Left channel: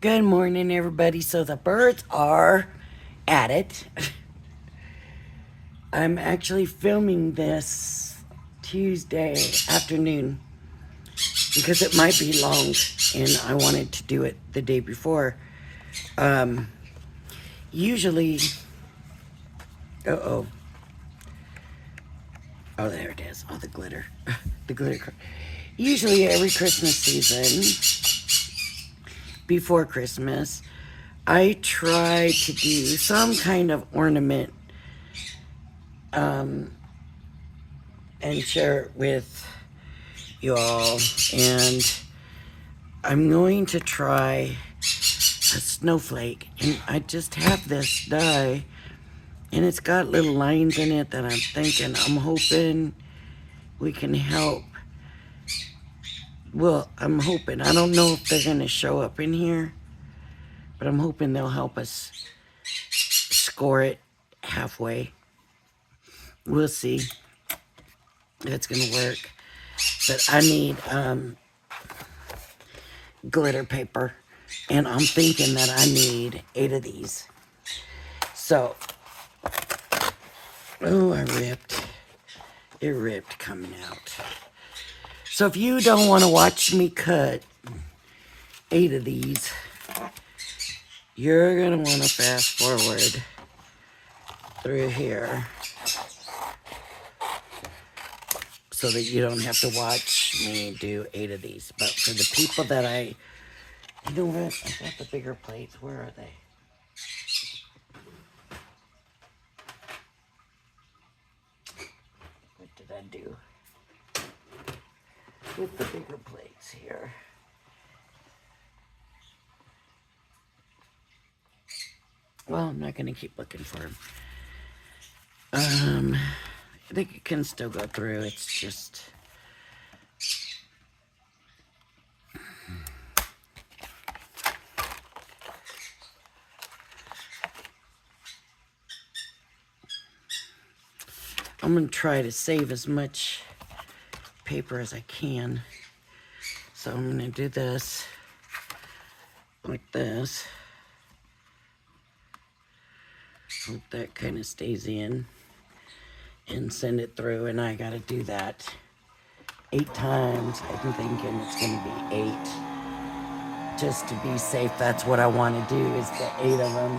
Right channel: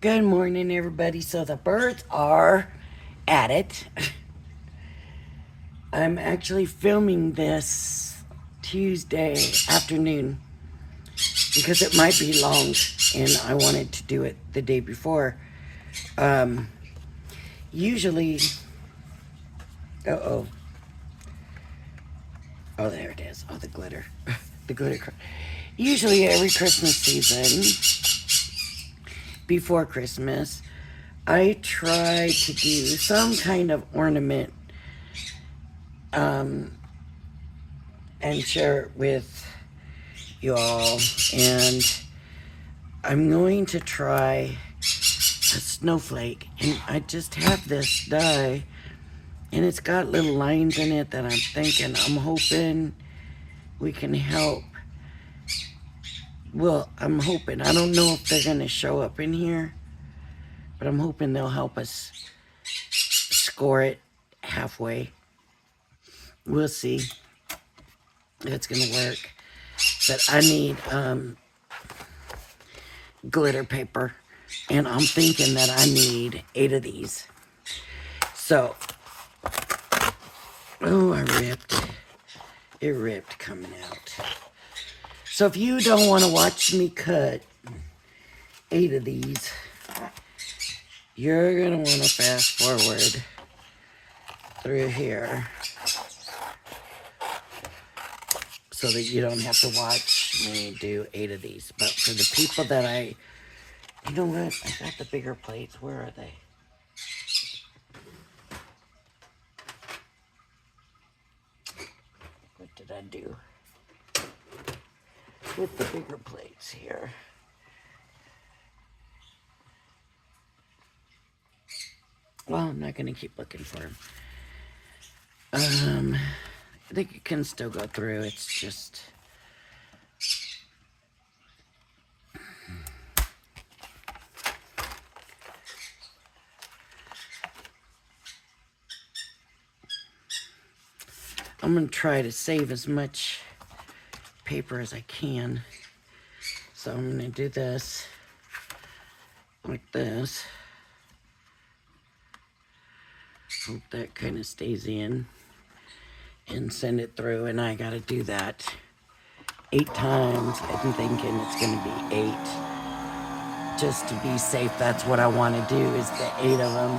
Good morning, everybody. So the birds are at it. I'm actually filming this Tuesday afternoon because it might be long and I wanted to do it the day before. Um, usually, uh-oh. Oh, there it is. Oh, the glitter. the glitter. Usually every Christmas season, before Christmas, I try to do some kind of ornament um, and share it with you all. And I'm going to try a snowflake. And I just have this die, and it's got little lines in it that I'm hoping we can help. Well, I'm hoping. I don't know if they're going to show up in here, but I'm hoping they'll help us score it halfway. We'll see if it's going to work. But I need glitter paper, and I'm thinking that I need 8 of these. So, oh, I ripped. It ripped coming out. So if you don't want to watch me cut 8 of these, you're going to want to fast forward through here so that you don't have to watch me do 8 of these. But for the people that you know what? I got the bigger plates. Where are they? What did I do with the bigger plates here? Well, I'm not going to keep looking for them. I think it can still go through. It's just... I'm going to try to save as much paper as I can. So I'm going to do this like this. Hope that kind of stays in and send it through. And I got to do that 8 times. I'm thinking it's going to be 8 just to be safe. That's what I want to do, is the 8 of them.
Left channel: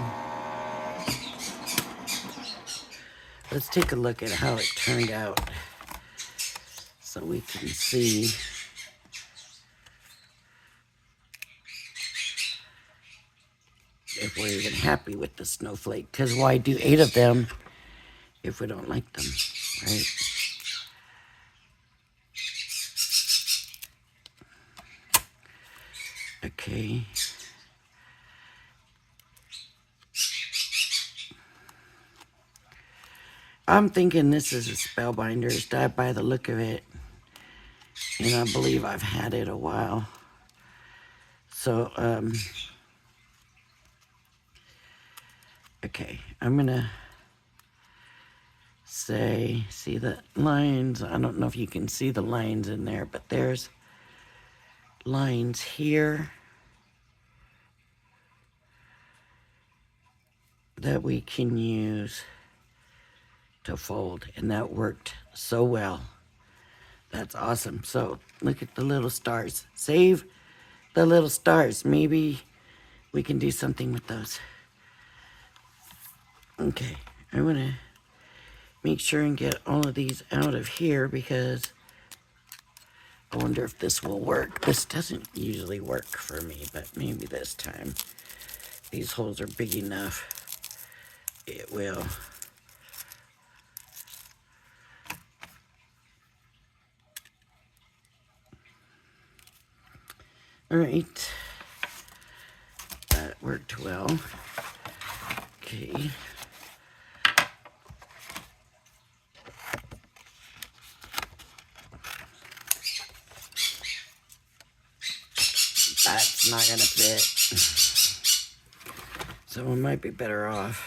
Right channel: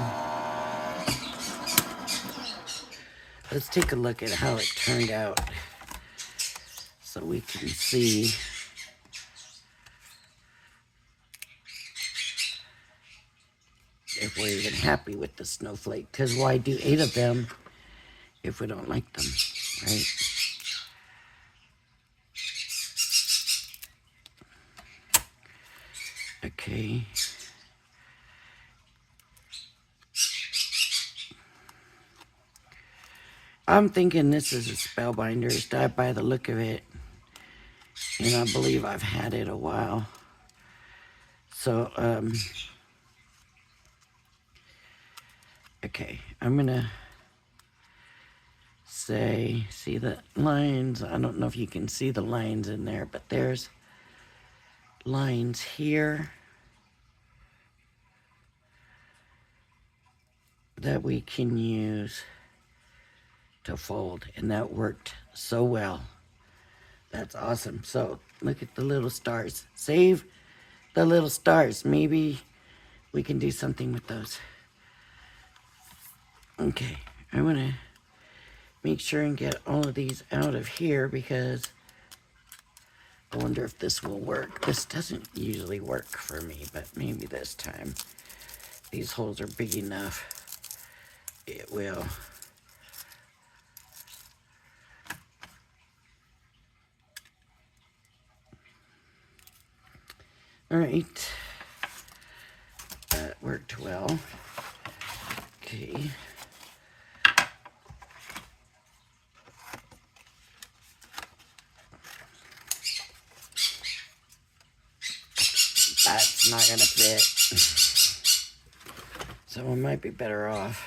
Let's take a look at how it turned out so we can see. If we're even happy with the snowflake, because why do 8 of them if we don't like them, right? Okay. I'm thinking this is a Spellbinders die by the look of it, and I believe I've had it a while. So, okay, I'm gonna say, see the lines? I don't know if you can see the lines in there, but there's lines here that we can use to fold, and that worked so well. That's awesome. So look at the little stars. Save the little stars. Maybe we can do something with those. Okay, I'm gonna make sure and get all of these out of here because I wonder if this will work. This doesn't usually work for me, but maybe this time. These holes are big enough. It will. All right. That worked well. Okay. That's not gonna fit. So we might be better off.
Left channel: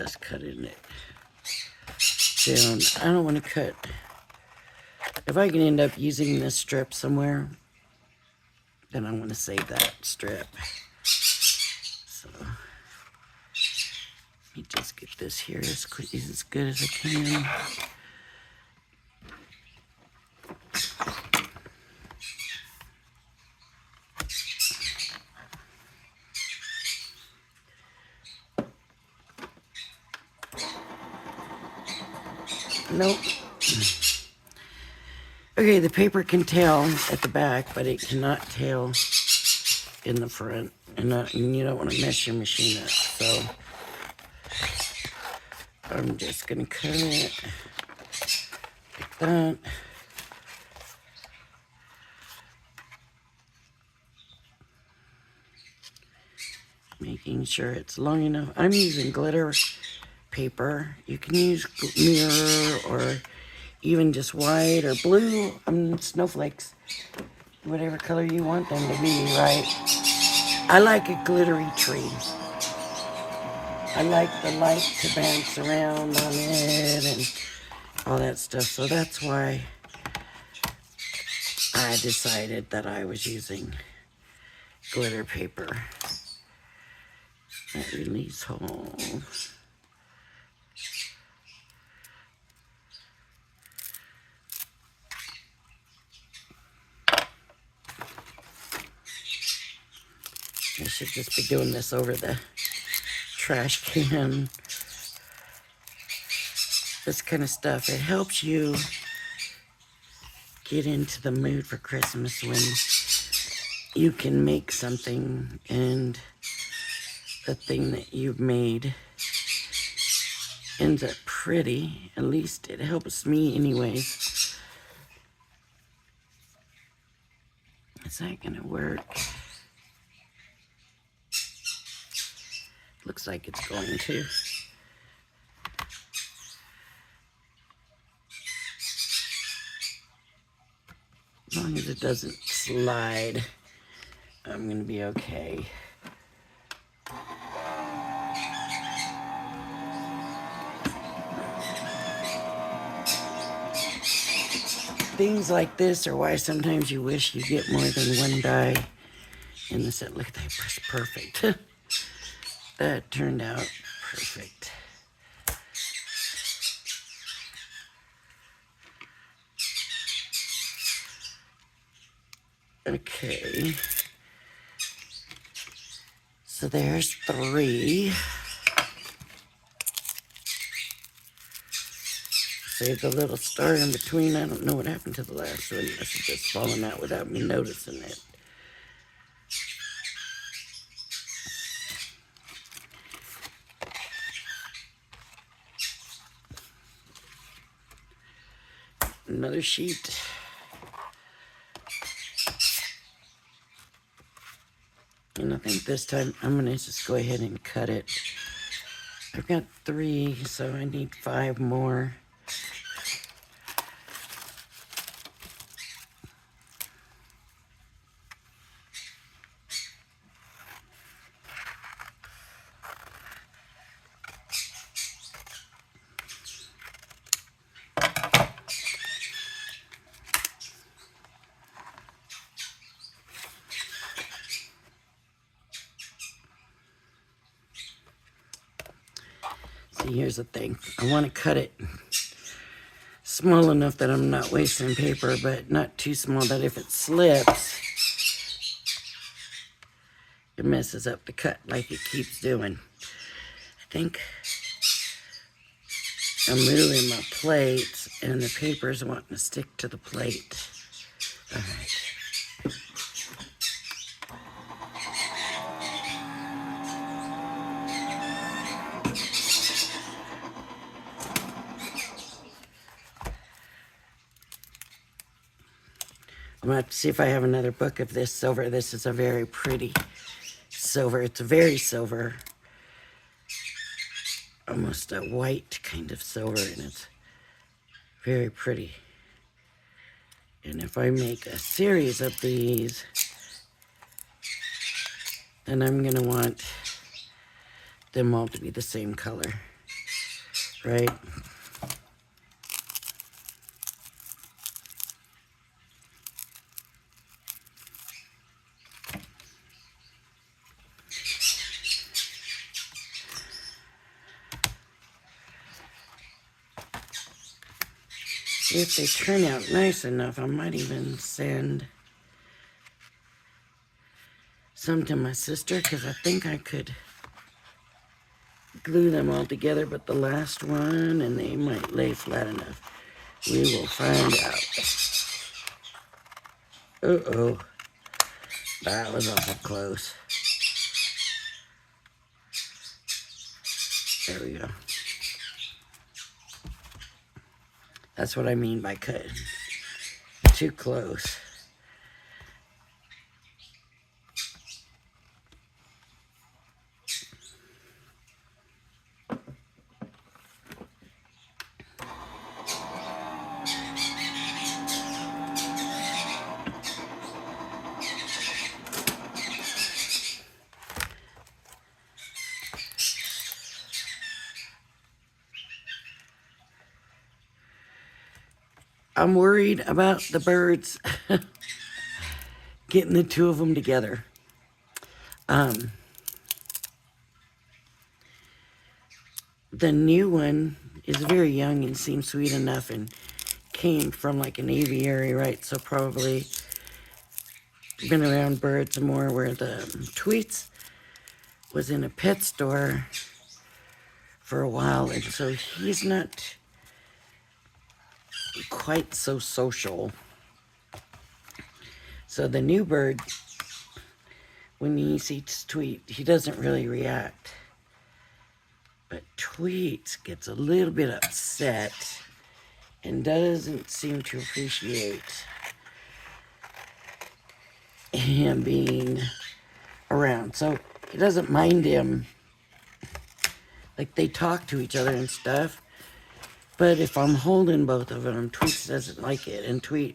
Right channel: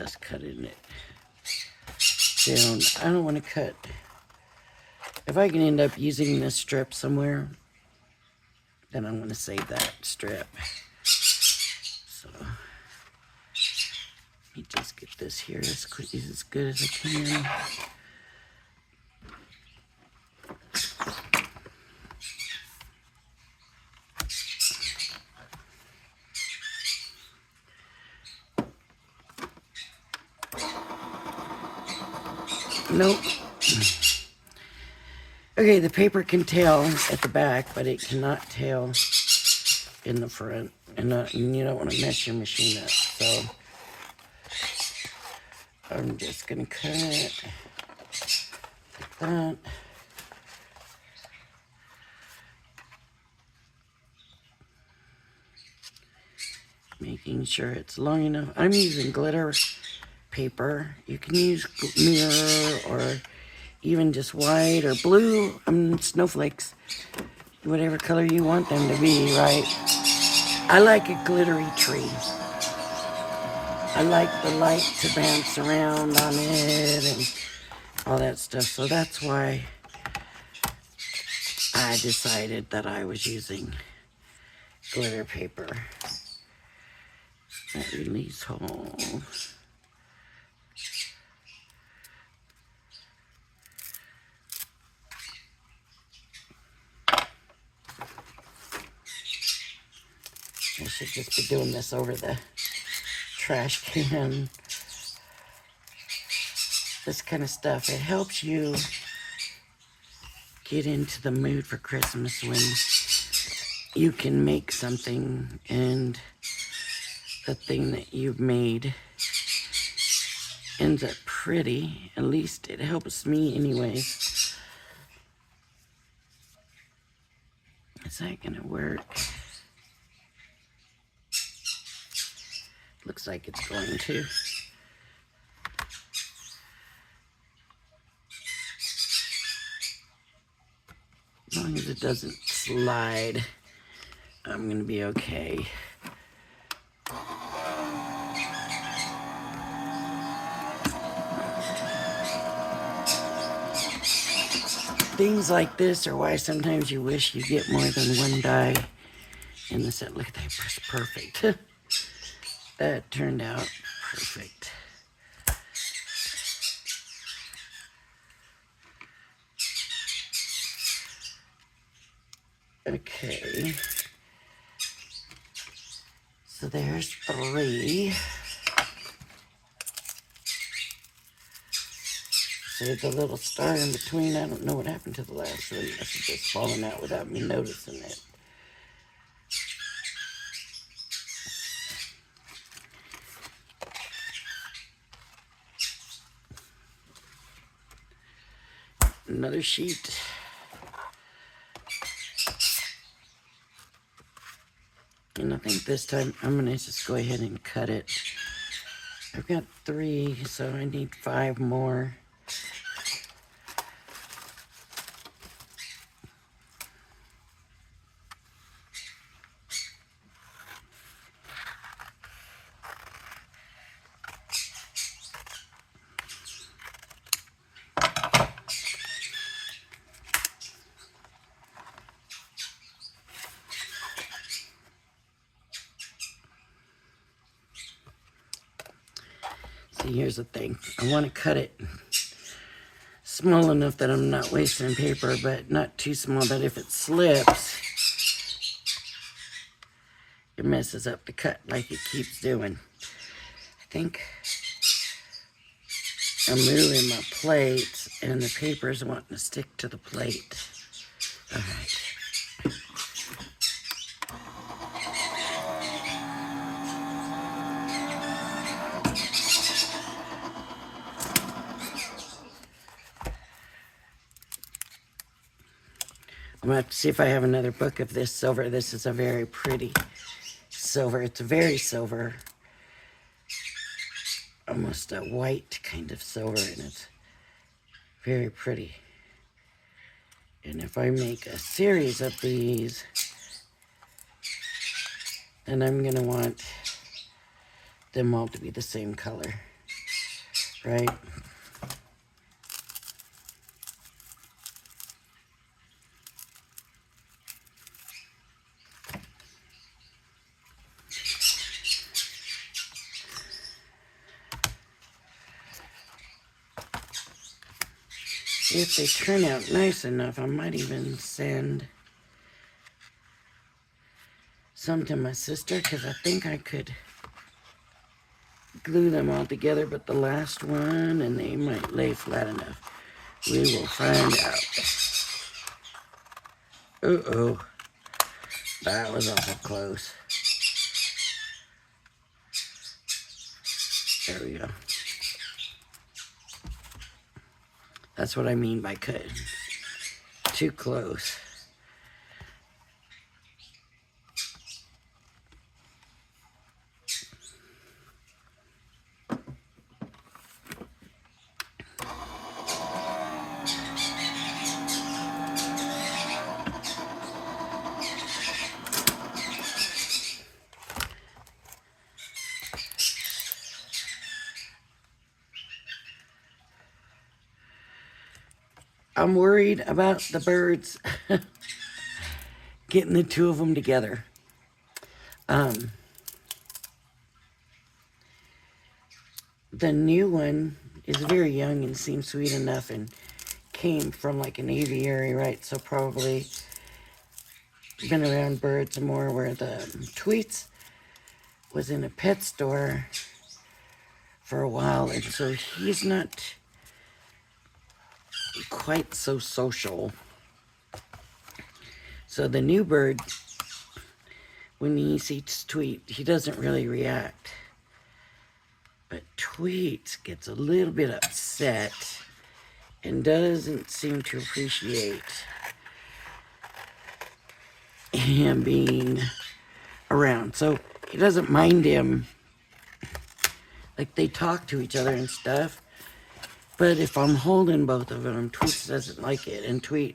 just cutting it down. I don't want to cut. If I can end up using this strip somewhere, then I want to save that strip. So let me just get this here as quick as good as I can. Nope. Okay, the paper can tail at the back, but it cannot tail in the front. And you don't want to mess your machine up. So I'm just going to cut it like that. Making sure it's long enough. I'm using glitter paper. You can use mirror or even just white or blue. Snowflakes. Whatever color you want them to be, right? I like a glittery tree. I like the light to bounce around on it and all that stuff. So that's why I decided that I was using glitter paper. That release hole. I should just be doing this over the trash can. This kind of stuff, it helps you get into the mood for Christmas when you can make something and the thing that you've made ends up pretty. At least it helps me anyways. Is that gonna work? Looks like it's going to. As long as it doesn't slide, I'm gonna be okay. Things like this are why sometimes you wish you get more than one die in the set. Look at that, that's perfect. That turned out perfect. Okay. So there's 3. Save the little star in between. I don't know what happened to the last one. This is just falling out without me noticing it. Another sheet. And I think this time I'm gonna just go ahead and cut it. I've got 3, so I need 5 more. See, here's the thing. I want to cut it small enough that I'm not wasting paper, but not too small that if it slips, it messes up the cut like it keeps doing. I think I'm moving my plate and the paper's wanting to stick to the plate. All right. I'm going to have to see if I have another book of this silver. This is a very pretty silver. It's a very silver. Almost a white kind of silver, and it's very pretty. And if I make a series of these, then I'm going to want them all to be the same color. right? If they turn out nice enough, I might even send some to my sister, because I think I could glue them all together, but the last one, and they might lay flat enough. We will find out. Uh-oh. That was awful close. There we go. That's what I mean by cutting. Too close. I'm worried about the birds getting the two of them together. The new one is very young and seems sweet enough and came from like an aviary, right? So probably been around birds more, where the Tweets was in a pet store for a while, and so he's not quite so social. So the new bird, when he sees Tweet, he doesn't really react. But Tweet gets a little bit upset and doesn't seem to appreciate him being around. So he doesn't mind him. Like, they talk to each other and stuff. But if I'm holding both of them, Tweets doesn't like it. And Tweets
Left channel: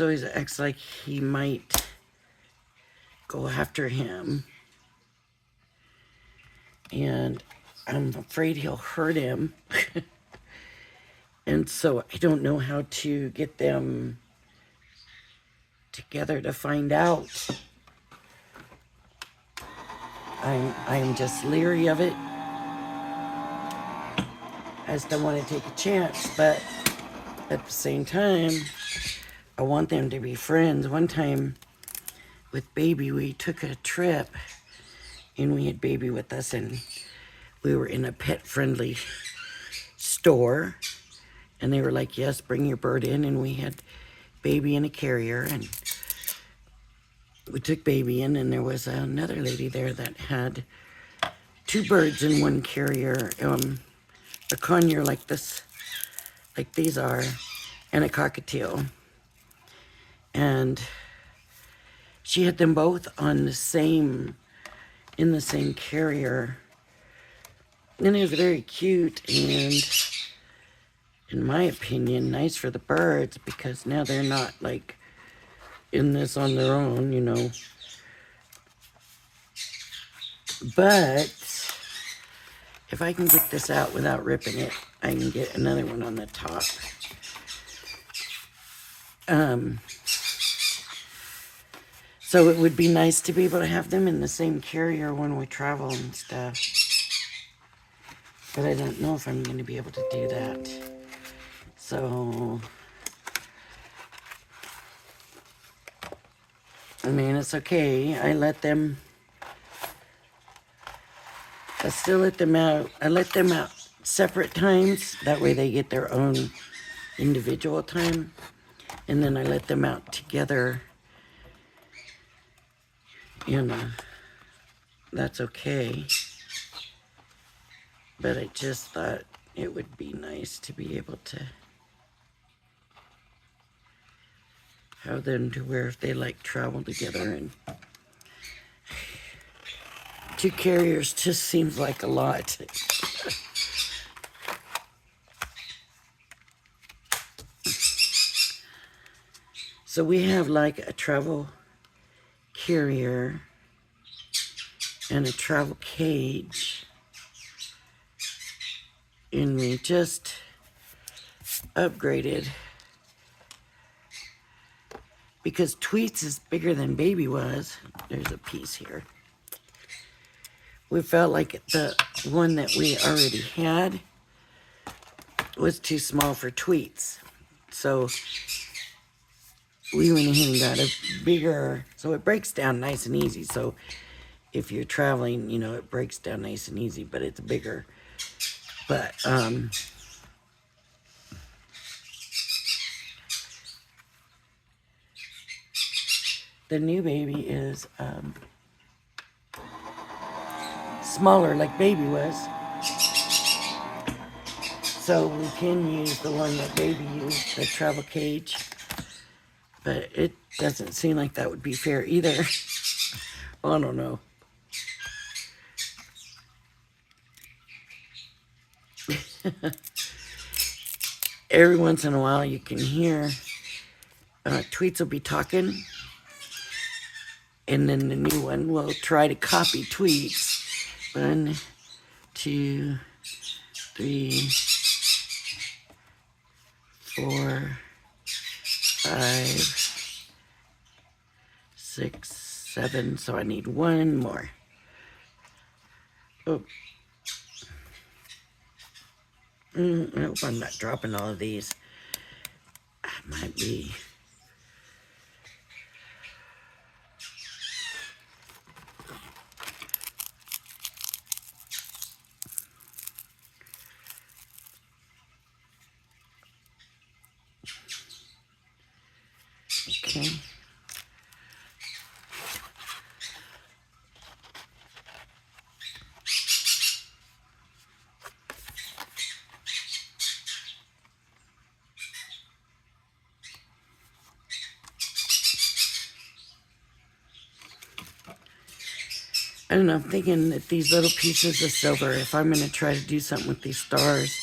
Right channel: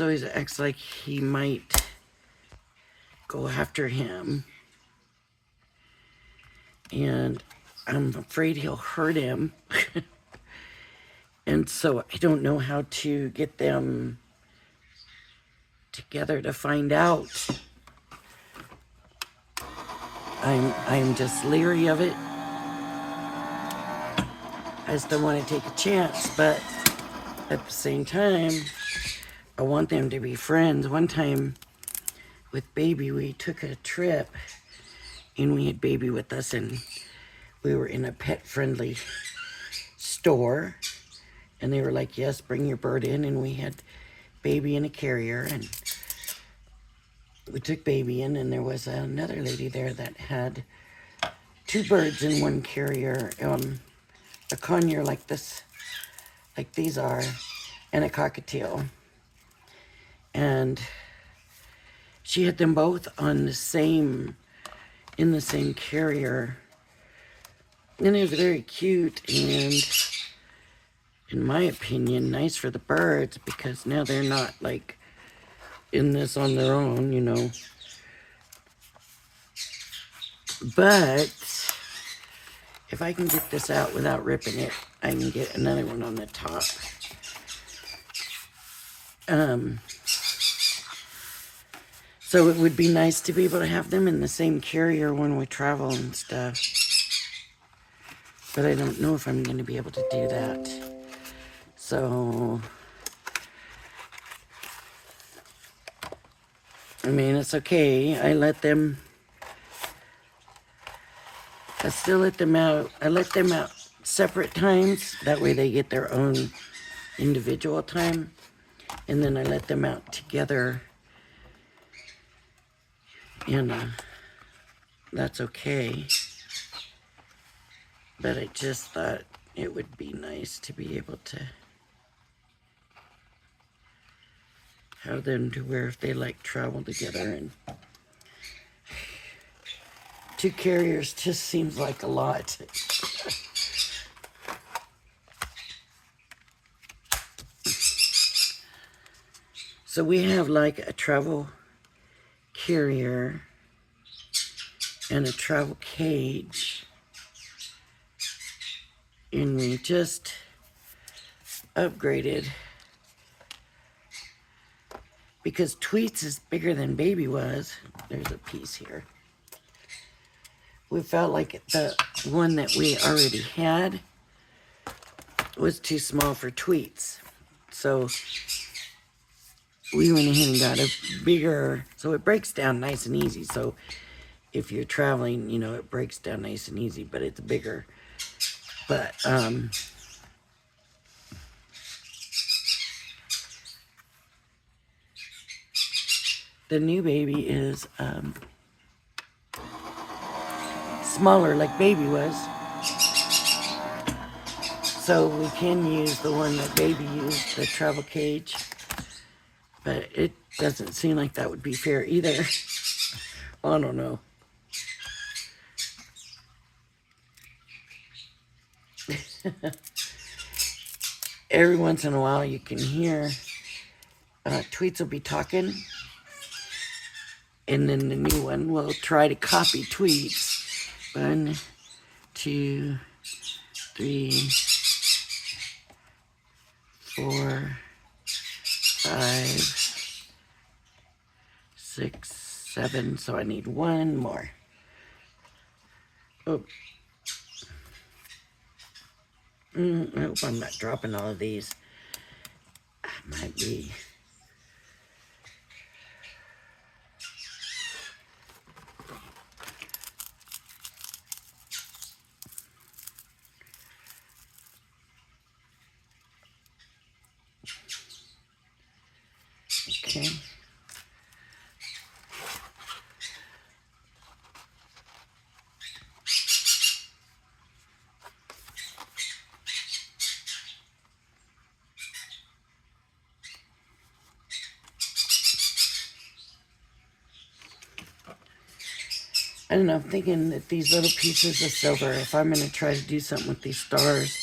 always acts like he might go after him. And I'm afraid he'll hurt him. And so I don't know how to get them together to find out. I'm just leery of it. I just don't want to take a chance, but at the same time, I want them to be friends. One time with Baby, we took a trip and we had Baby with us, and we were in a pet-friendly store, and they were like, yes, bring your bird in, and we had Baby in a carrier, and we took Baby in, and there was another lady there that had two birds in one carrier, a conure like this, like these are, and a cockatiel. And she had them both on the same, in the same carrier. And it was very cute and, in my opinion, nice for the birds, because now they're not like in this on their own, you know. But if I can get this out without ripping it, I can get another one on the top. So it would be nice to be able to have them in the same carrier when we travel and stuff. But I don't know if I'm going to be able to do that. So, I mean, it's okay. I still let them out. I let them out separate times. That way they get their own individual time. And then I let them out together. And that's okay. But I just thought it would be nice to be able to have them to where if they like travel together, and two carriers just seems like a lot. So we have like a travel carrier and a travel cage. everything just upgraded. Because Tweets is bigger than Baby was. There's a piece here. We felt like the one that we already had was too small for Tweets. So we went ahead and got a bigger, so it breaks down nice and easy. So if you're traveling, you know, it breaks down nice and easy, but it's bigger. But, the new Baby is, smaller like Baby was. So we can use the one that Baby used, the travel cage. But it doesn't seem like that would be fair either. I don't know. Every once in a while you can hear Tweets will be talking. And then the new one will try to copy Tweets. 1, 2, 3, 4, 5, 6, 7. So I need one more. Oh. I hope I'm not dropping all of these. I might be. Okay. I don't know, I'm thinking that these little pieces of silver, if I'm going to try to do something with these stars,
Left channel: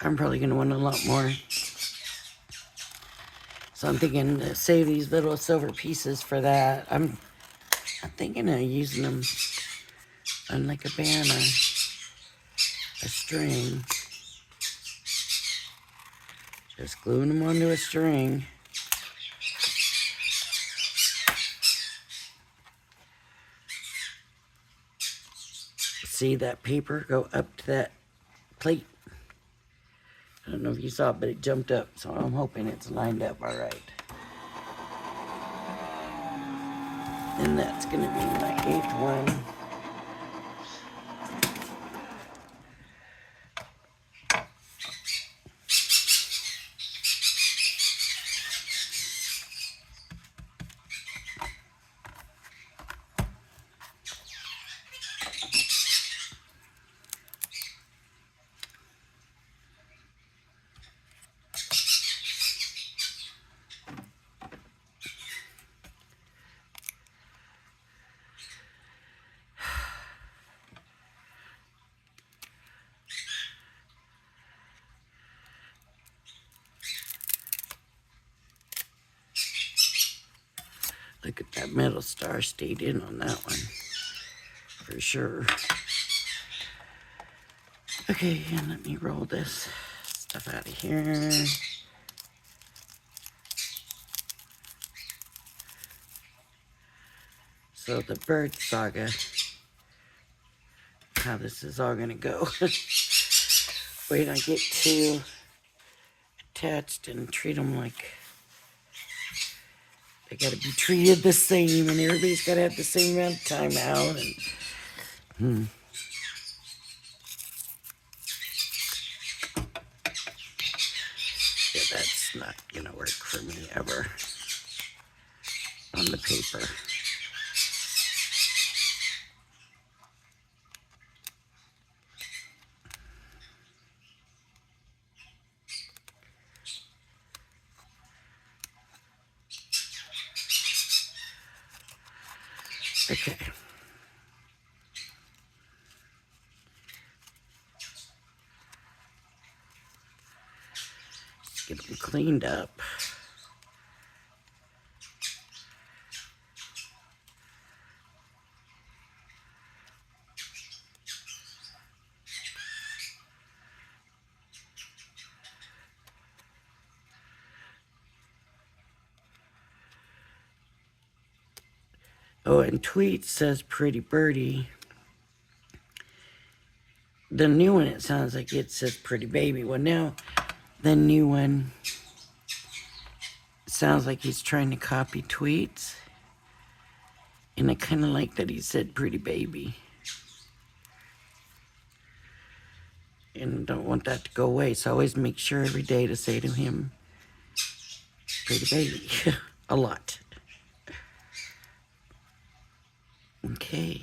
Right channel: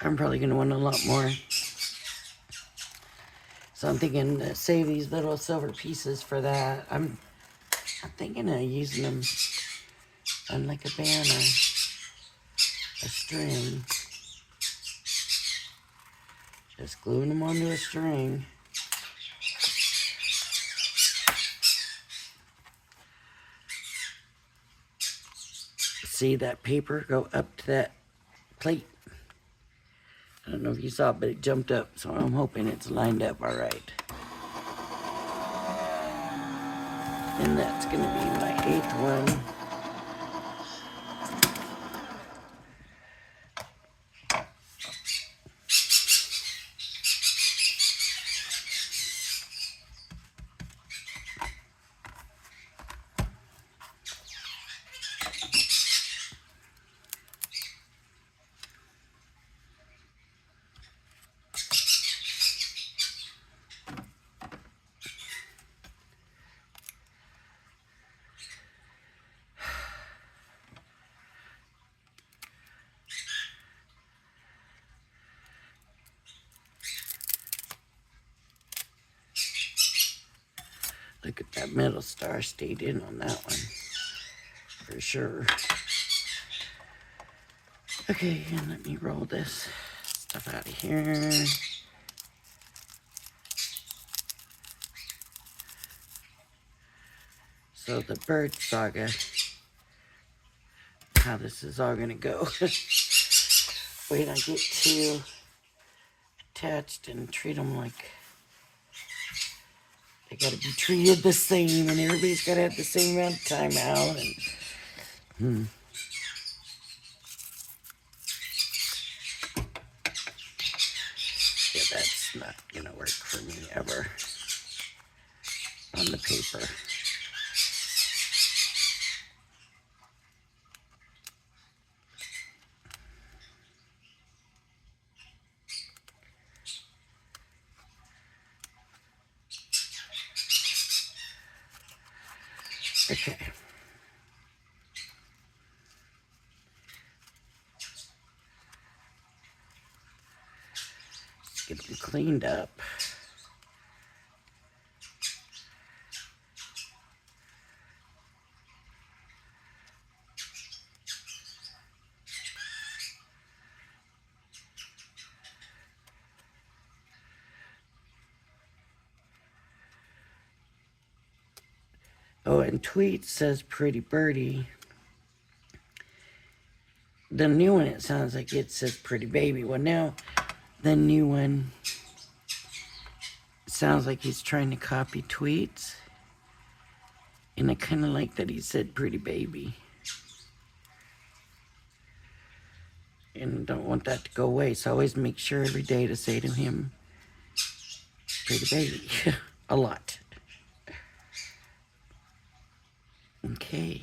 I'm probably going to want a lot more. So I'm thinking to save these little silver pieces for that. I'm thinking of using them on like a band, a string. Just gluing them onto a string. See that paper go up to that plate? I don't know if you saw it, but it jumped up, so I'm hoping it's lined up all right. And that's going to be my 8th one. Look at that metal star stayed in on that one, for sure. Okay, and let me roll this stuff out of here. So the bird saga, how this is all gonna go. Wait, I get too attached and treat them like they gotta be treated the same, and everybody's gotta have the same amount of time out. And yeah, that's not gonna work for me ever on the paper. Okay. Let's get them cleaned up. Oh, and Tweet says Pretty Birdie. The new one, it sounds like it says Pretty Baby. Well, now the new one sounds like he's trying to copy Tweets. And I kind of like that he said Pretty Baby. And don't want that to go away. So I always make sure every day to say to him, Pretty Baby. A lot. Okay.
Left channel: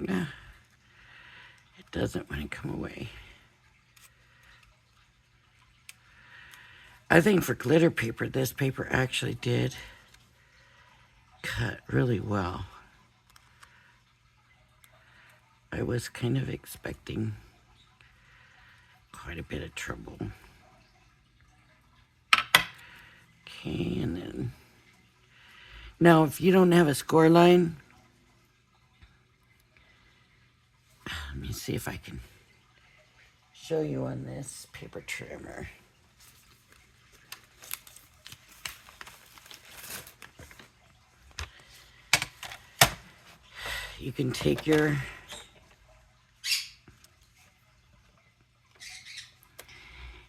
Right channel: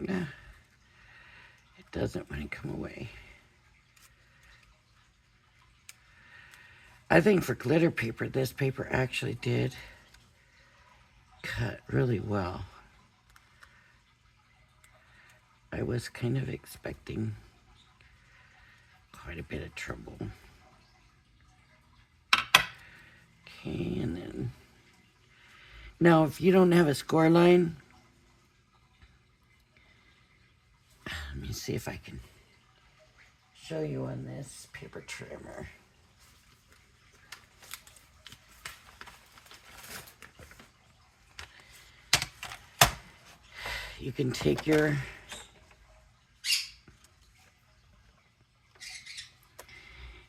No, it doesn't want to come away. I think for glitter paper, this paper actually did cut really well. I was kind of expecting quite a bit of trouble. Okay, and then... Now, if you don't have a score line, let me see if I can show you on this paper trimmer. You can take your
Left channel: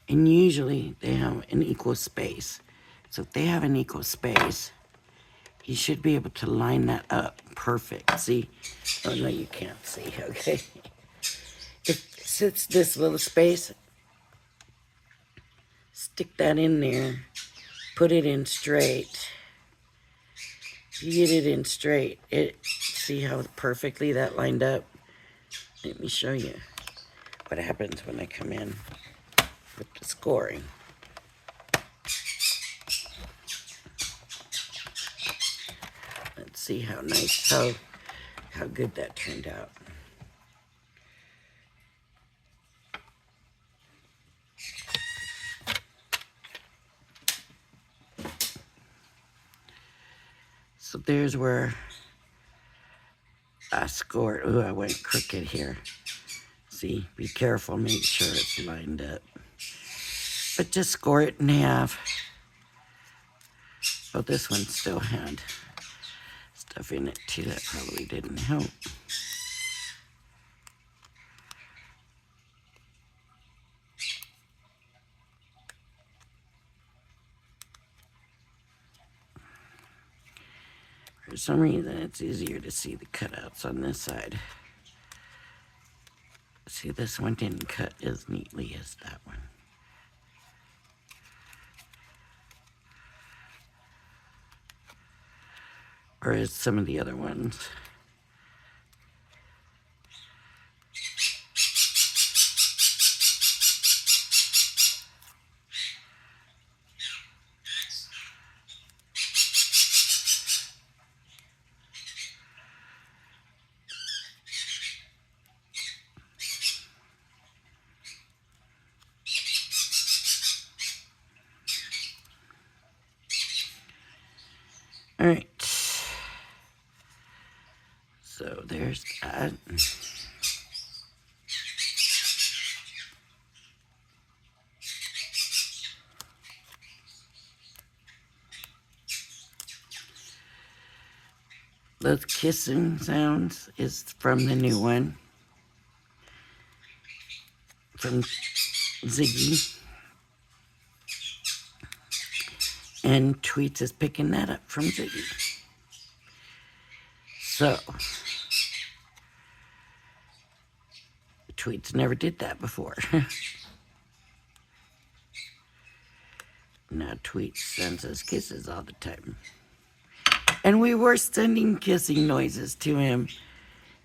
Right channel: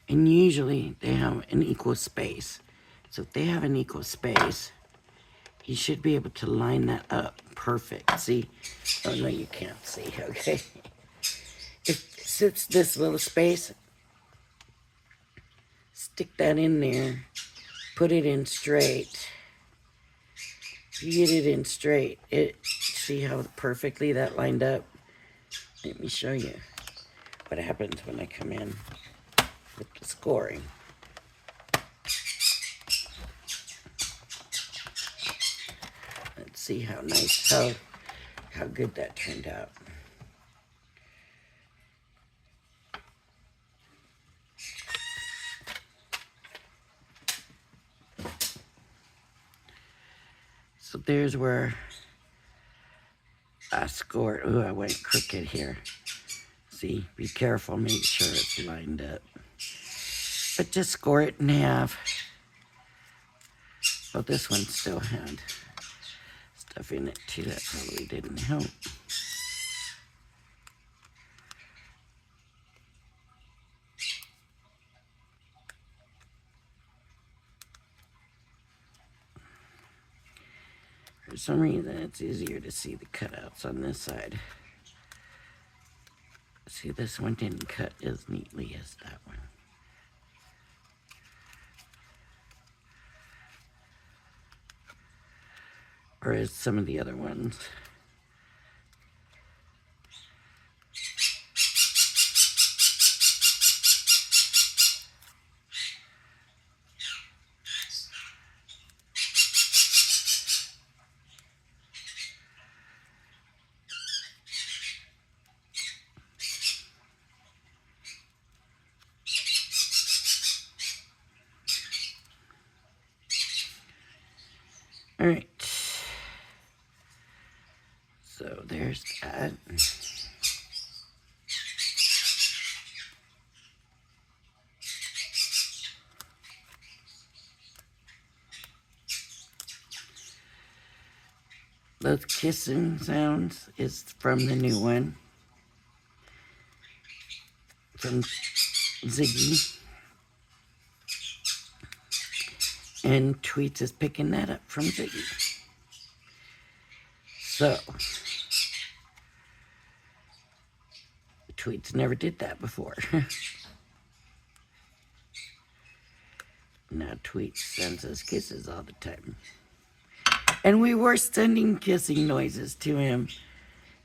and usually they have an equal space. So if they have an equal space, you should be able to line that up perfect. See? Oh, no, you can't see, okay? If it's this little space, stick that in there, put it in straight. If you get it in straight, see how perfectly that lined up? Let me show you what happens when I come in with the scoring. Let's see how nice, how good that turned out. So there's where I scored. Ooh, I went crooked here. See, be careful, make sure it's lined up. But just score it in half. Oh, this one still had stuff in it too. That probably didn't help. For some reason, it's easier to see the cutouts on this side. See, this one didn't cut as neatly as that one. Or as some of the other ones. All right. So there's that. Those kissing sounds is from the new one. From Ziggy. And Tweets is picking that up from Ziggy. So, Tweets never did that before. Now Tweets sends us kisses all the time. And we were sending kissing noises to him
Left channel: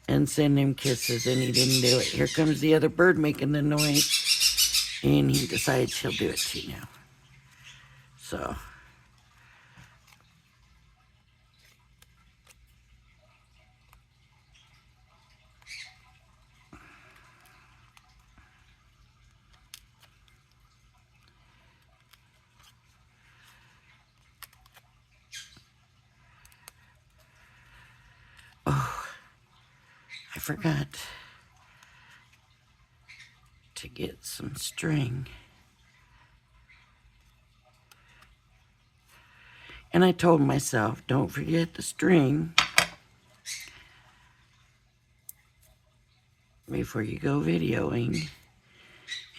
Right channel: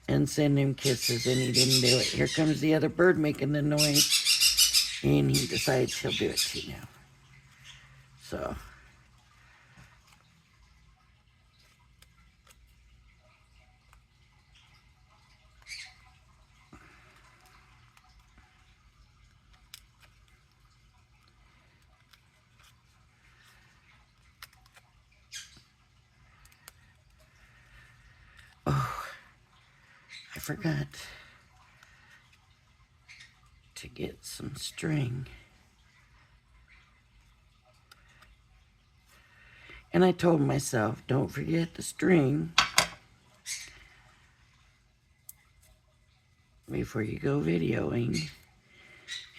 and send him kisses, and he didn't do it. Here comes the other bird making the noise, and he decides he'll do it too now. So, oh, I forgot to get some string. And I told myself, don't forget the string before you go videoing.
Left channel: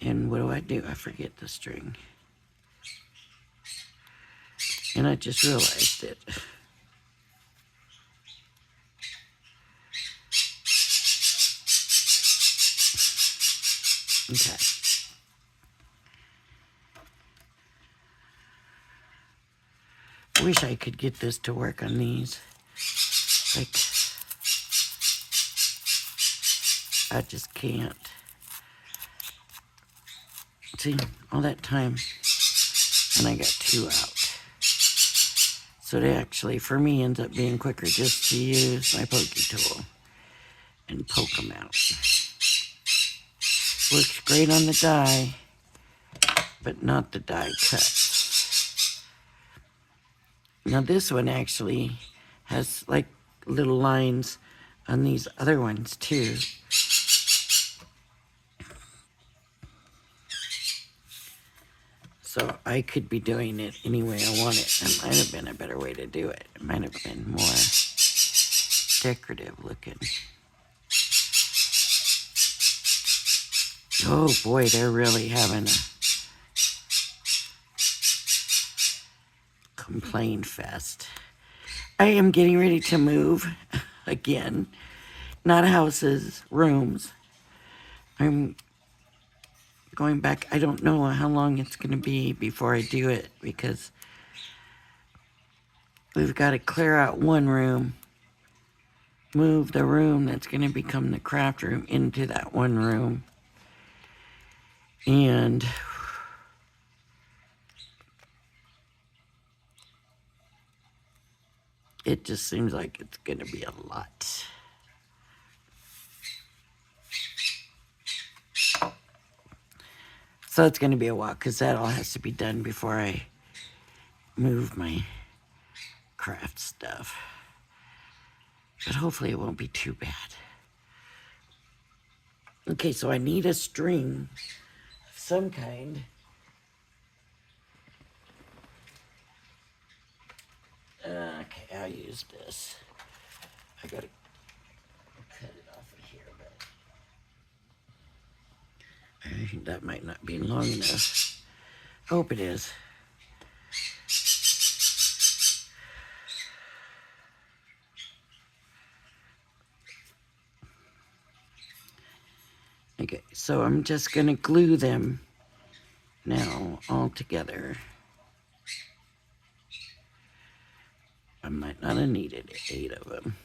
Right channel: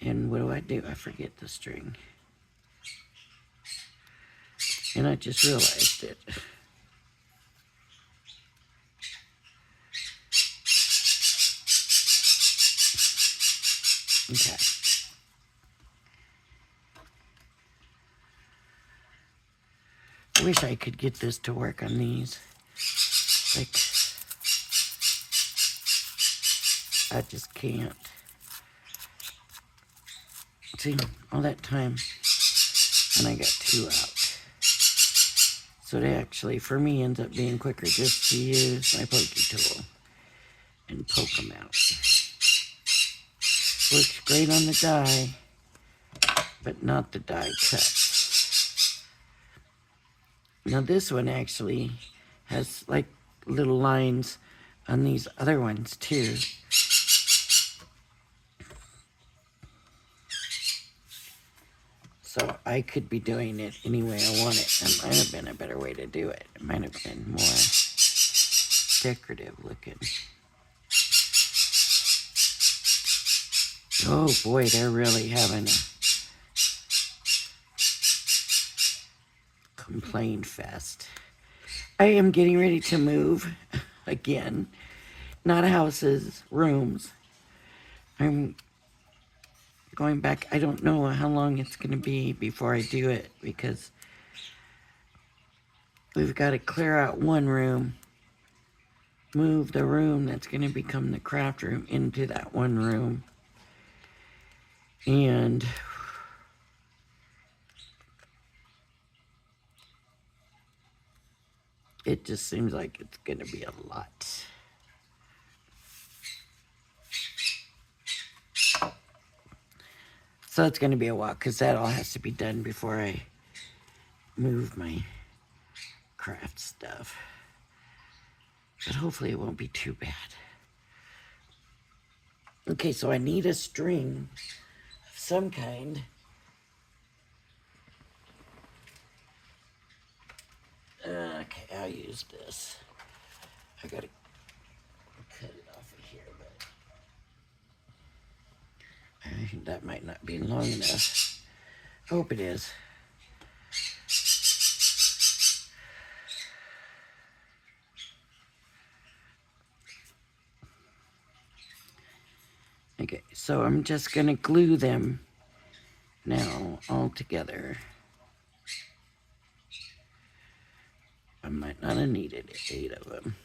And what do? I forget the string. And I just realized it. Okay. I wish I could get this to work on these. Like, I just can't. See, all that time, and I got 2 out. So it actually, for me, ends up being quicker just to use my pokey tool and poke them out. Works great on the die, but not the die cut. Now this one actually has like little lines on these other ones too. So I could be doing it any way I want it. It might have been a better way to do it. It might have been more decorative looking. Oh boy, they're really having a complaint fest. I am getting ready to move again. Not houses, rooms. I'm going back. I don't know how long it's going to be before I do it because we've got to clear out one room, move the room that's going to become the craft room into that one room. And it just seems like it's going to be a lot. So it's going to be a while because that all has to be done before I move my craft stuff. But hopefully it won't be too bad. Okay, so I need a string of some kind. Okay, I'll use this. I gotta cut it off of here, but I think that might not be long enough. Hope it is. Okay, so I'm just gonna glue them now all together. I might not have needed 8 of them.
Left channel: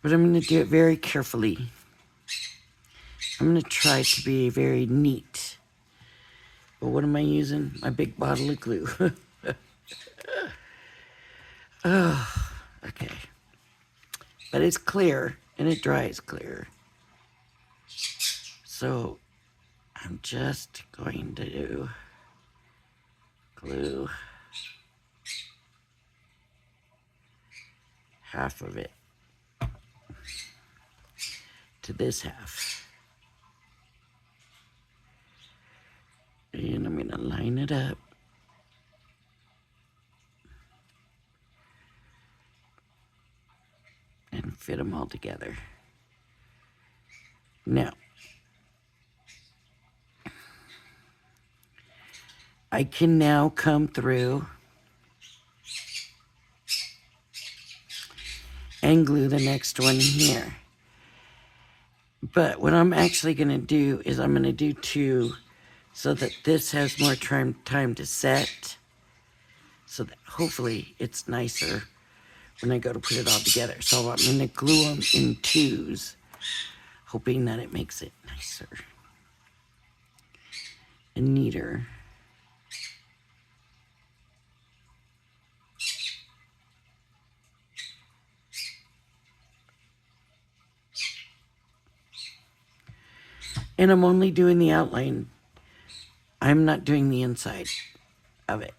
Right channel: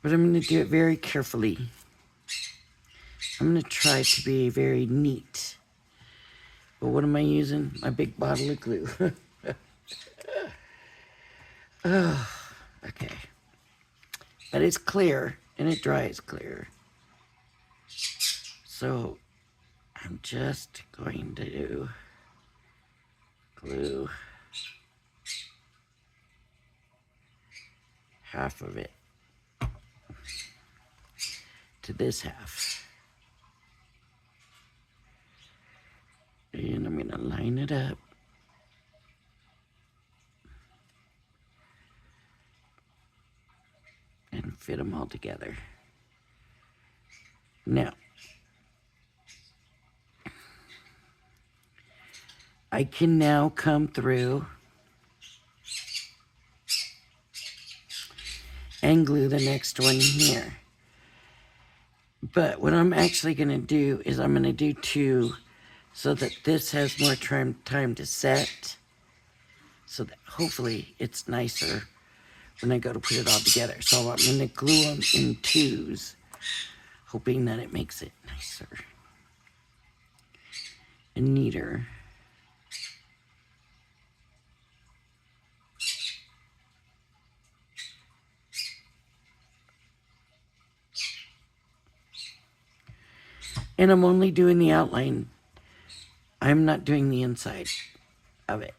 But I'm going to do it very carefully. I'm going to try to be very neat. But what am I using? My big bottle of glue. Oh, okay. But it's clear, and it dries clear. So I'm just going to do glue half of it to this half. And I'm going to line it up. And fit them all together. Now, I can now come through and glue the next one here. But what I'm actually going to do is I'm going to do 2 so that this has more time to set, so that hopefully it's nicer when I go to put it all together. So I'm going to glue them in twos, hoping that it makes it nicer and neater. And I'm only doing the outline. I'm not doing the inside of it.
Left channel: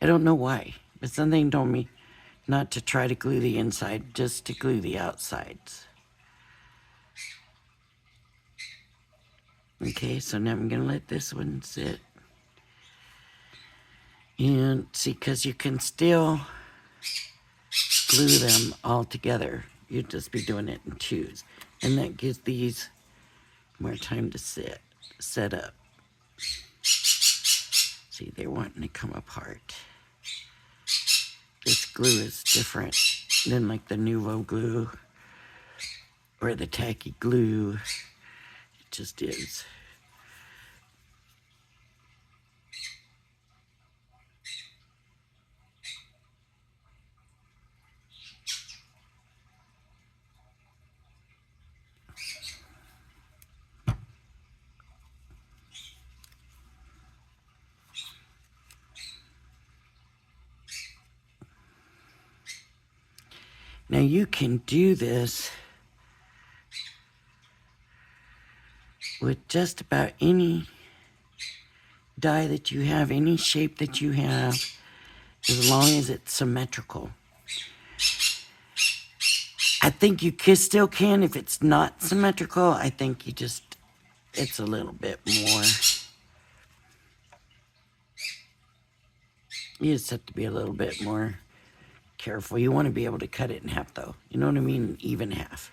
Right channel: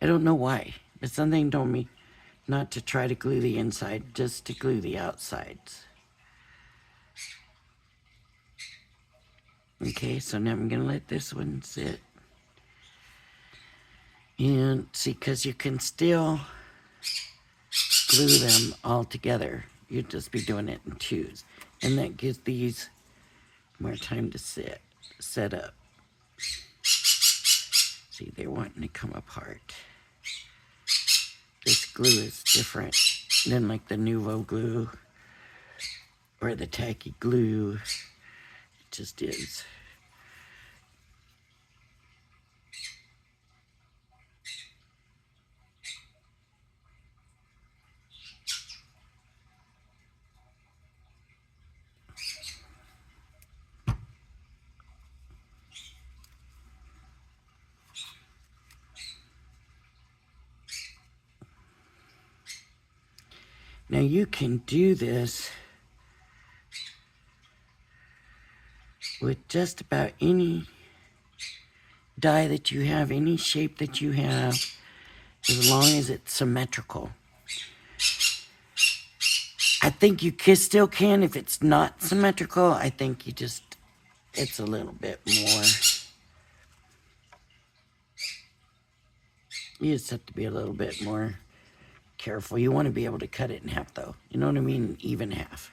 I don't know why, but something told me not to try to glue the inside, just to glue the outsides. Okay, so now I'm going to let this one sit. And see, because you can still glue them all together. You'd just be doing it in twos. And that gives these more time to set up. See, they're wanting to come apart. This glue is different than like the Nuvo glue or the tacky glue. It just is. Now you can do this with just about any die that you have, any shape that you have, as long as it's symmetrical. I think you still can if it's not symmetrical. I think it's a little bit more. You just have to be a little bit more careful. You want to be able to cut it in half though. You know what I mean? Even half.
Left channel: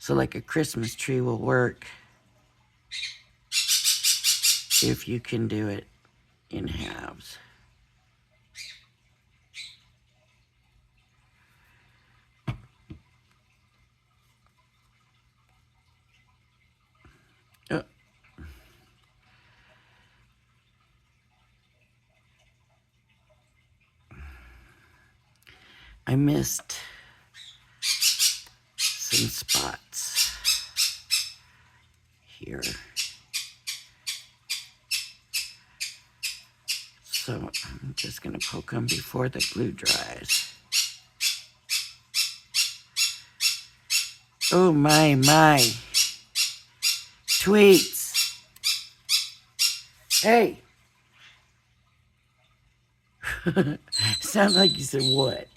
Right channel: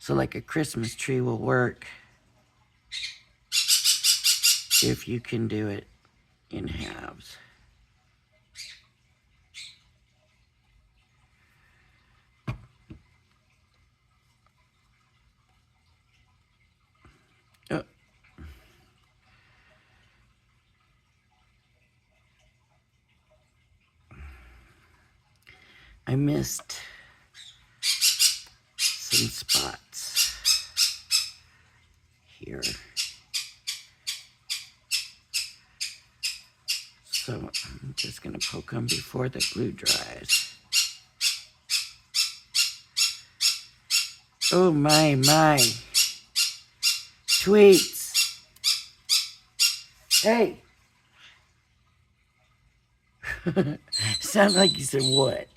So like a Christmas tree will work if you can do it in halves. Oh. I missed some spots here. So I'm just going to poke them before the glue dries. Oh my. Tweets. Hey. Sounds like you said what?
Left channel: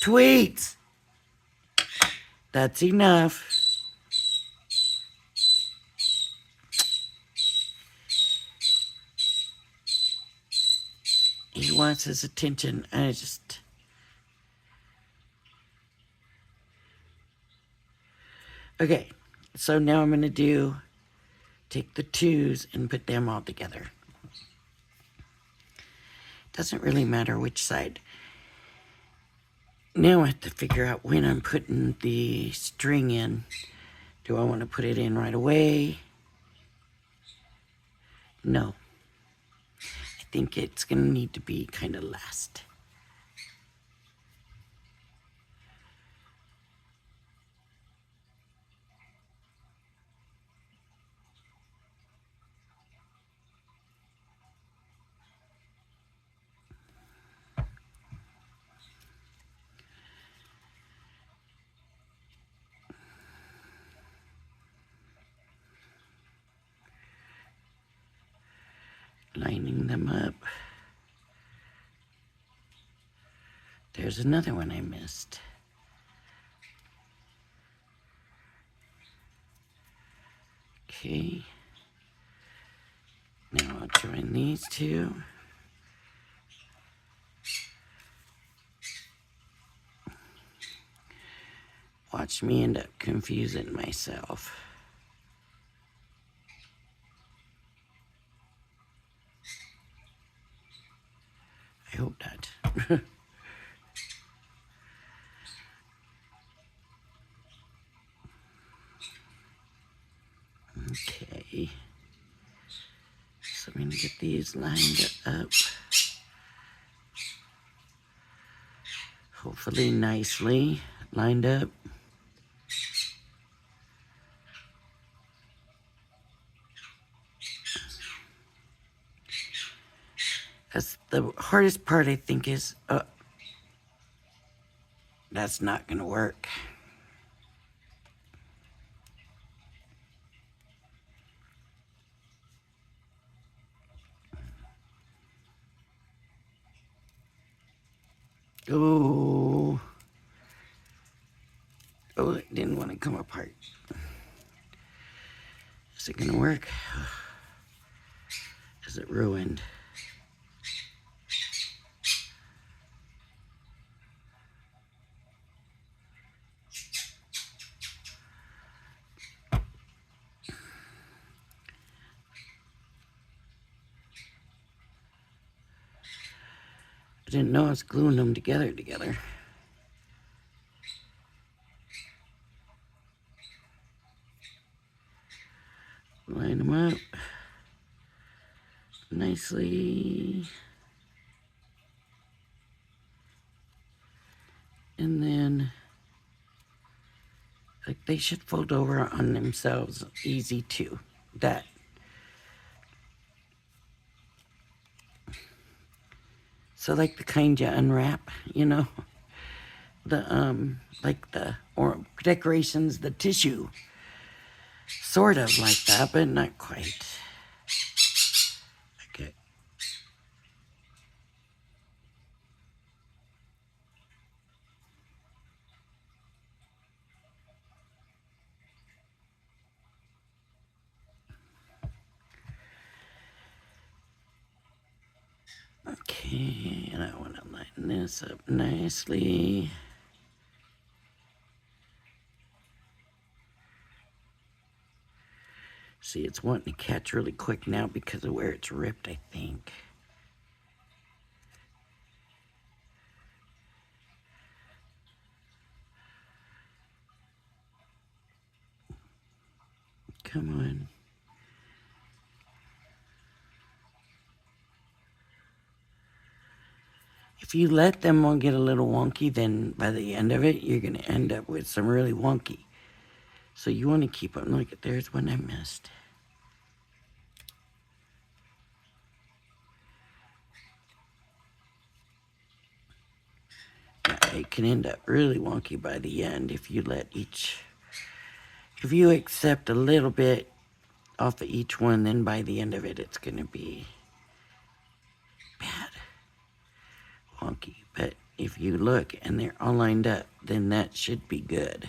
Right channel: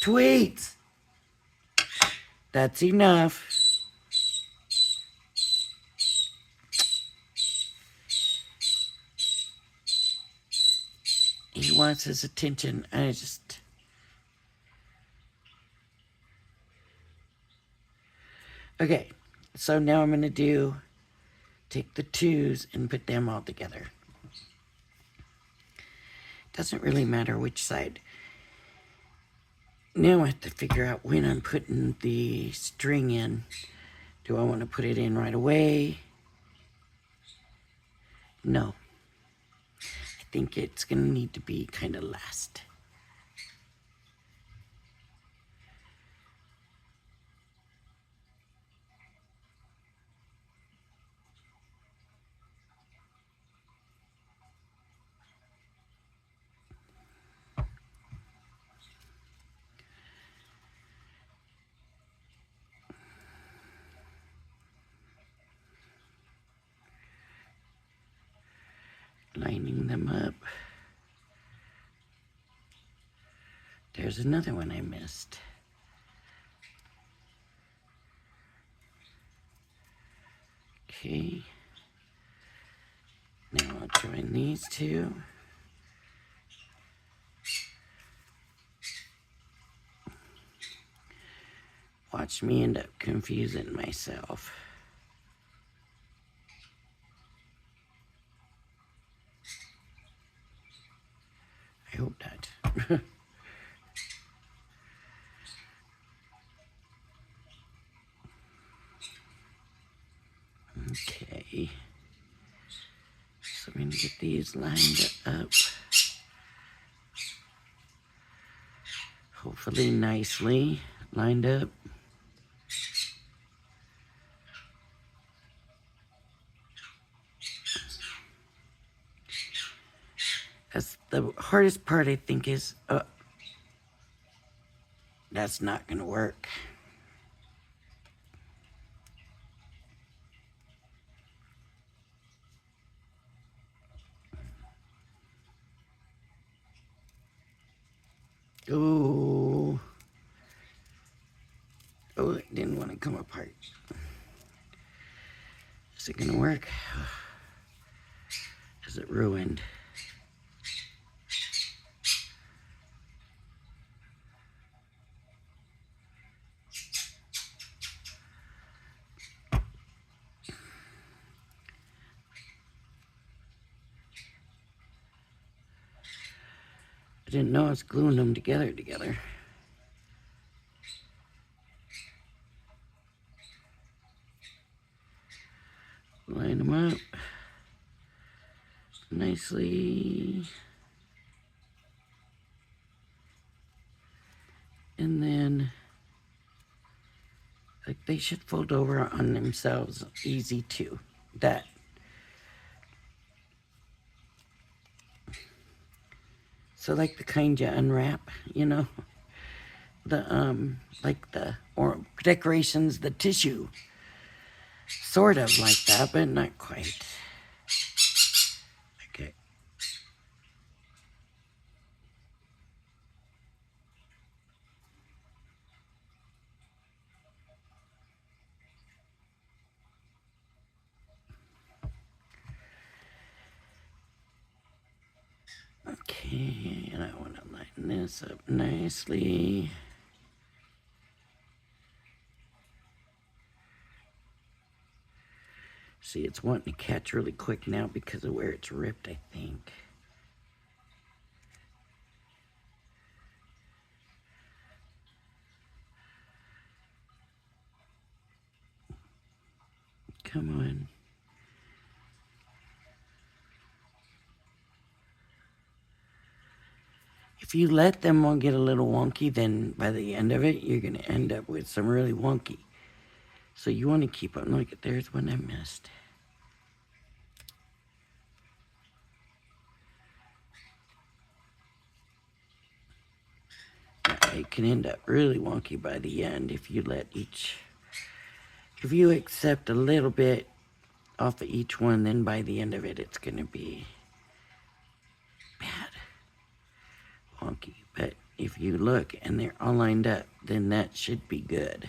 Tweets. That's enough. He wants his attention. Okay, so now I'm going to take the twos and put them all together. Doesn't really matter which side. Now I have to figure out when I'm putting the string in. Do I want to put it in right away? No. I think it's going to need to be kind of last. Lining them up. There's another one I missed. Okay. Now I'll join these two. Watch me end up confusing myself. I hope not. these lined up. Hopefully nicely lined up. That's the hardest part, I think, is that's not going to work. Oh, it didn't want to come apart. Is it going to work? Is it ruined? I didn't know I was gluing them together. Line them up nicely. And then, like, they should fold over on themselves easy too. That. So like the kind you unwrap, you know, like the or decorations, the tissue, sort of like that, but not quite. Okay. Okay, and I want to line this up nicely. See, it's wanting to catch really quick now because of where it's ripped, I think. Come on. If you let them all get a little wonky, then by the end of it, you're going to end up with some really wonky. So you want to keep on. Look, there's one I missed. It can end up really wonky by the end if you if you accept a little bit off of each one, then by the end of it, it's going to be bad, wonky. But if you look and they're all lined up, then that should be good.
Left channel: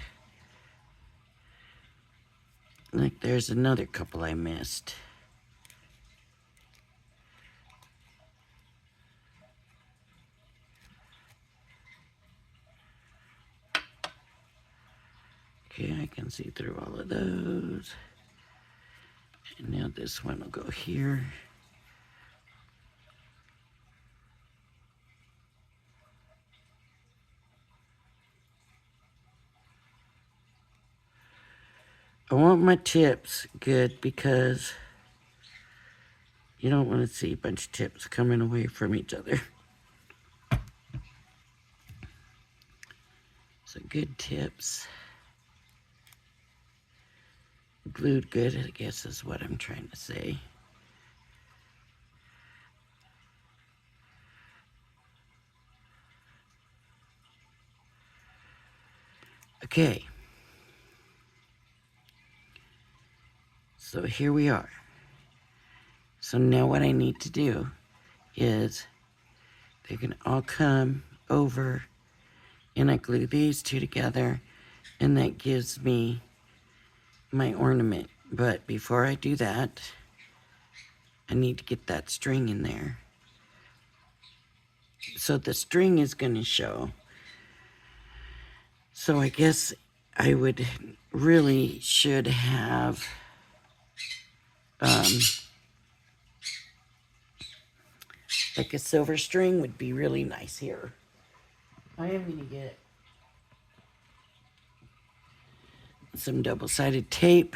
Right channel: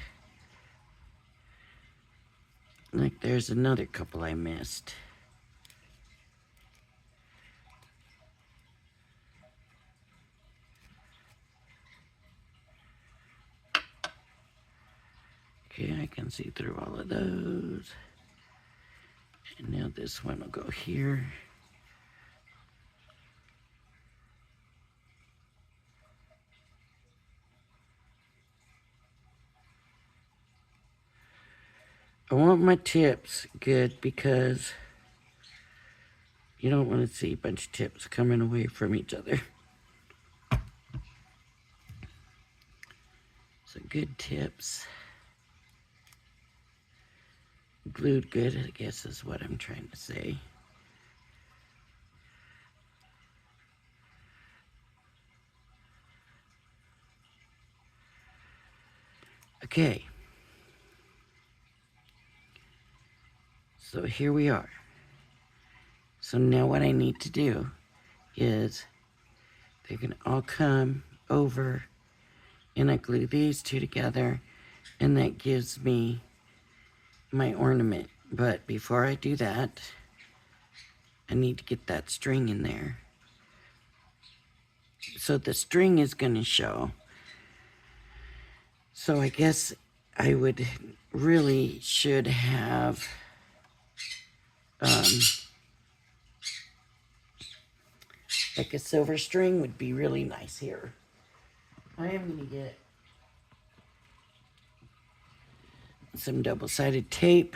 Like there's another couple I missed. Okay, I can see through all of those. And now this one will go here. I want my tips good because you don't want to see a bunch of tips coming away from each other. So good tips. Glued good, I guess is what I'm trying to say. Okay. So here we are. So now what I need to do is they're going to all come over and I glue these two together and that gives me my ornament. But before I do that, I need to get that string in there. So the string is going to show. So I guess I would really should have like a silver string would be really nice here. I am going to get some double-sided tape.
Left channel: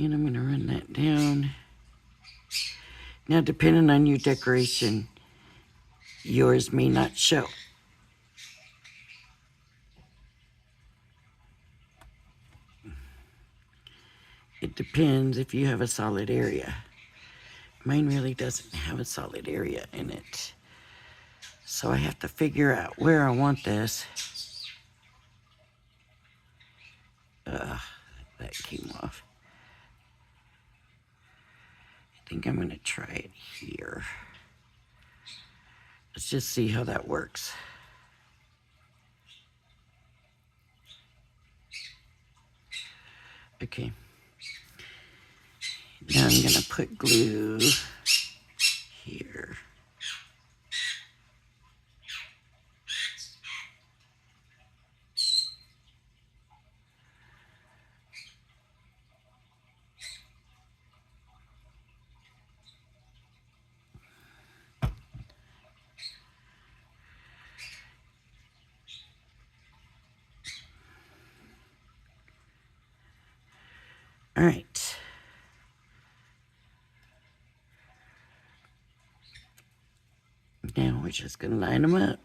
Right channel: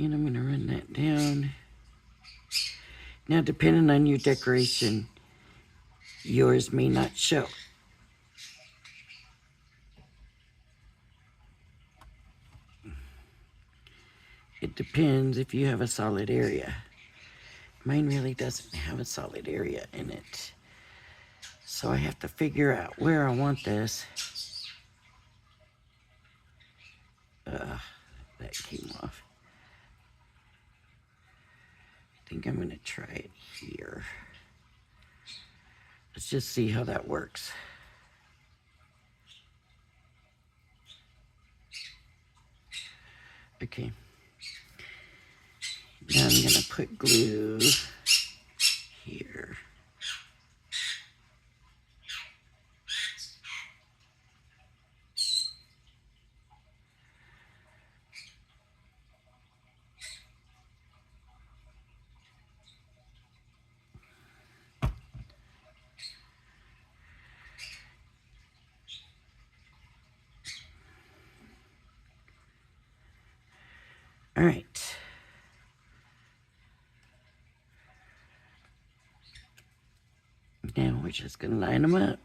And I'm gonna run that down. Now, depending on your decoration, yours may not show. It depends if you have a solid area. Mine really doesn't have a solid area in it. So I have to figure out where I want this. That came off. I think I'm gonna try it here. Let's just see how that works. Okay. Now I'm gonna put glue here. All right. Now we're just gonna line them up.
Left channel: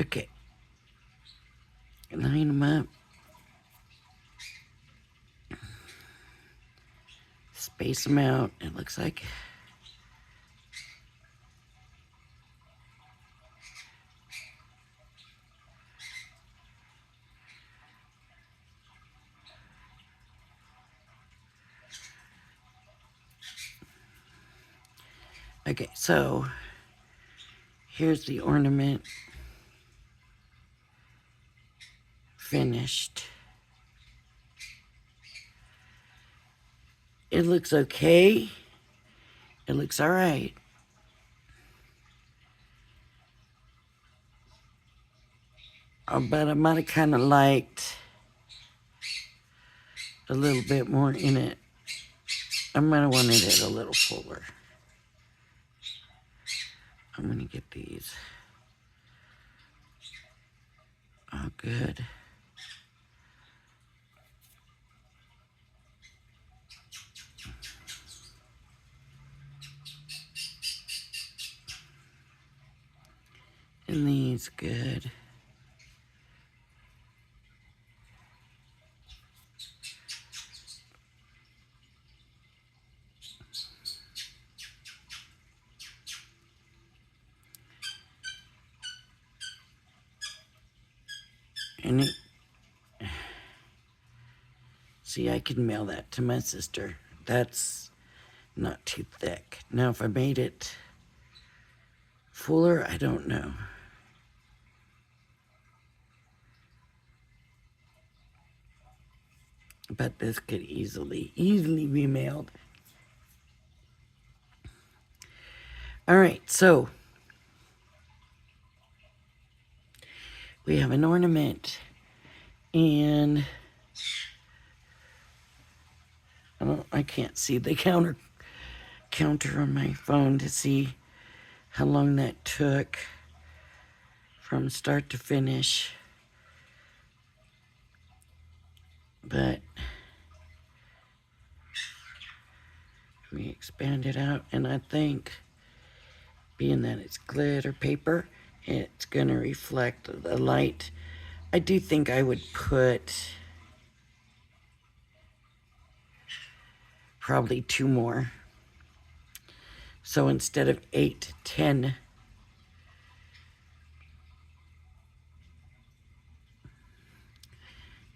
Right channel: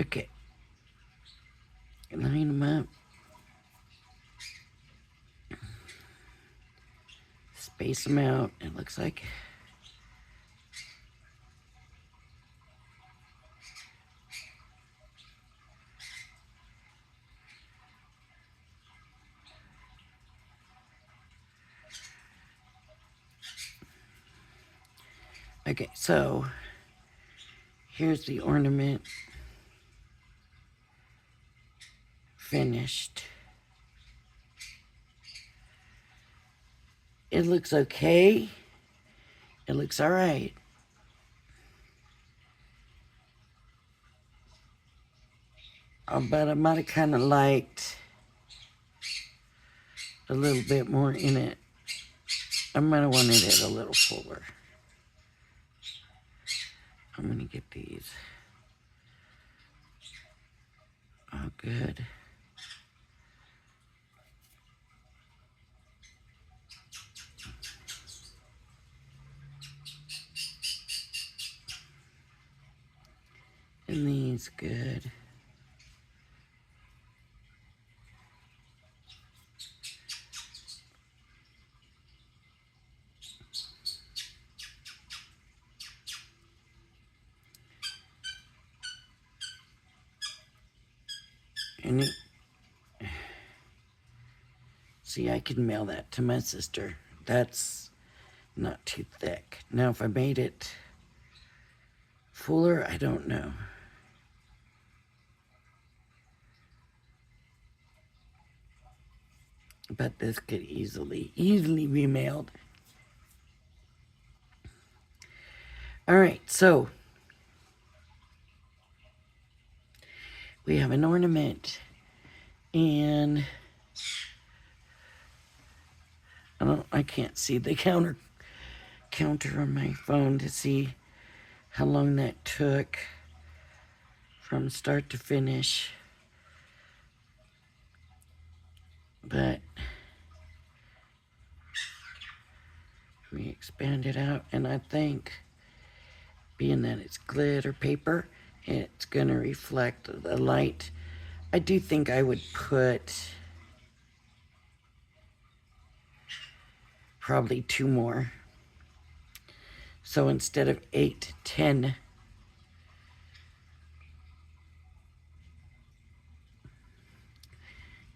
Okay. Line them up. Space them out, it looks like. Okay, so here's the ornament finished. It looks okay. It looks all right. But I might have kind of liked a little bit more in it. I might have wanted it a little fuller. I'm gonna get these all good. And these good. And it, see, I could mail that to my sister. That's not too thick. Now, if I made it fuller, I don't know. But this could easily be mailed. All right, so we have an ornament, and I can't see the counter on my phone to see how long that took from start to finish. But we expand it out, and I think being that it's glitter paper, it's gonna reflect the light. I do think I would put probably 2 more. So instead of 8, 10.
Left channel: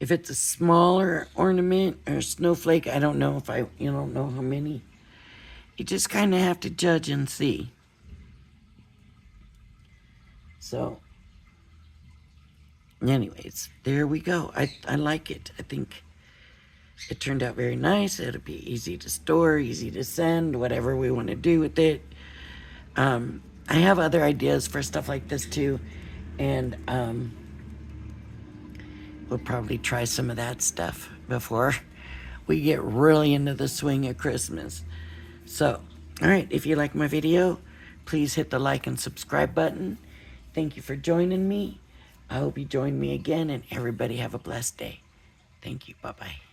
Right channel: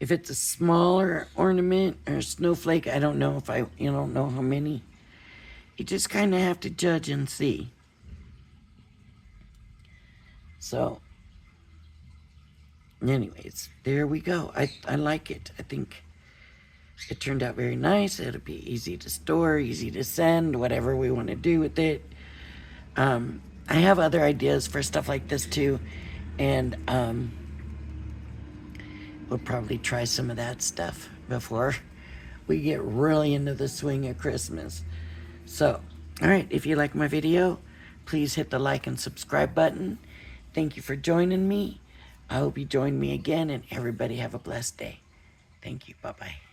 If it's a smaller ornament or snowflake, I don't know if you don't know how many. You just kind of have to judge and see. So, anyways, there we go. I like it. I think it turned out very nice. It'll be easy to store, easy to send, whatever we want to do with it. I have other ideas for stuff like this too, and we'll probably try some of that stuff before we get really into the swing of Christmas. So, all right, if you like my video, Please hit the like and subscribe button. Thank you for joining me. I hope you join me again, and everybody have a blessed day. Thank you. Bye-bye.